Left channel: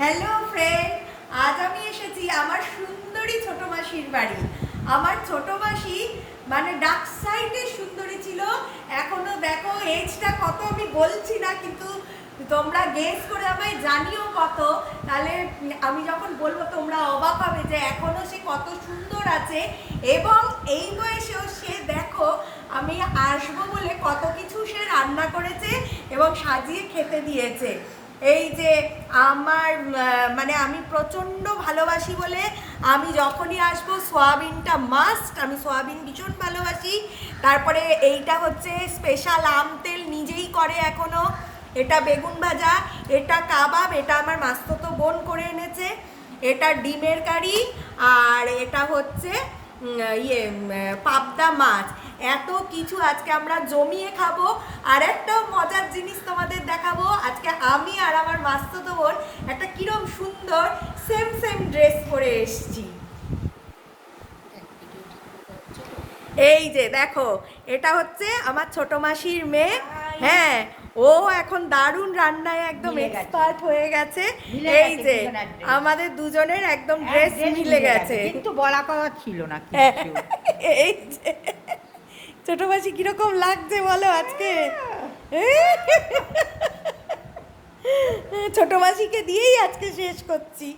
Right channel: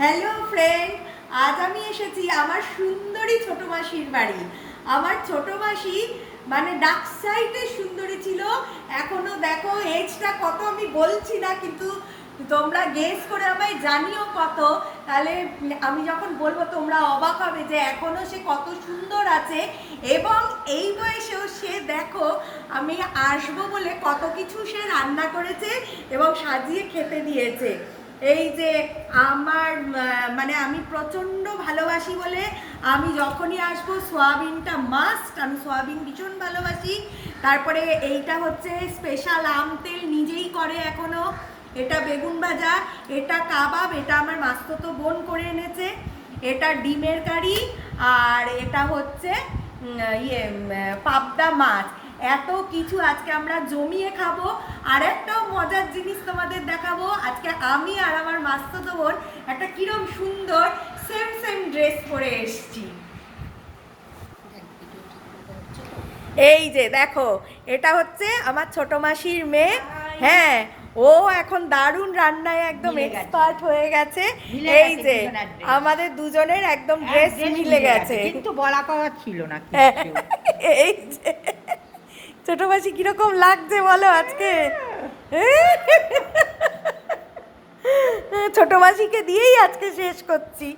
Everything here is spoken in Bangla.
হ্যালো ফ্রেন্ড, আজ আমি এসেছি আমার সুন্দরী ছোট মাসির বাড়ি। আমার ছোট মাসি মানে ডাক সাইডের সুন্দরী ছিল। এখনো দেখো এজটা কত আমি বলছি না, কিন্তু তোমরা গেস করে আমায় জানিও কত। তাহলে আমি যখন বলবো তোমরা অবাক হবে যে এখনো সে কত সুন্দর আছে। এবং এই বয়সেও সে দেখো আমি আসবো বলে কত কিছু সে রান্না করেছে এবং সাজিয়ে খেতে দিয়েছে। এই যে আমার মানে আমি প্রচণ্ড ভালোবাসি বলে আমি যখনই আসবো সোয়াবিনটা মাস্ট, আমি সোয়াবিন ভীষণ ভালোবাসি। তারপরে এইটা হচ্ছে স্পেশাল আম তেল নিজেই করে এখনো, এটা বেগুন ভাজা, এটা কাবাব, এটা আমার মাস্তুতো বোন করে এনেছে, এটা ডিমের কারি, আর এটা হচ্ছে পাবদা মাছ। এত কিছু আজকে আমরা জমিয়ে খাবো। আর একটা মজার জিনিস তোমাদের দেখাবো, আজকে আমি আর আমার মাস্তুতো বোন একটা কিরম সুন্দর সেম সেম ড্রেস পরে এসেছি। এই যে দেখো, এটা হচ্ছে আমার ছোট মাসির মেয়ে। হ্যাঁ, ও এখন দারুণ রান্নায় একদম এক্সপার্ট হয়ে গেছে। এই যে আমাদের দুজনের একদম ড্রেস মিলে গেছে, কিন্তু বলা কথা ছিল না। এই যে ছোট মাসি কিরকম লাগছে বলো আজকে? ছোট মাসিকে দিয়েই আজকে শেষ করছি।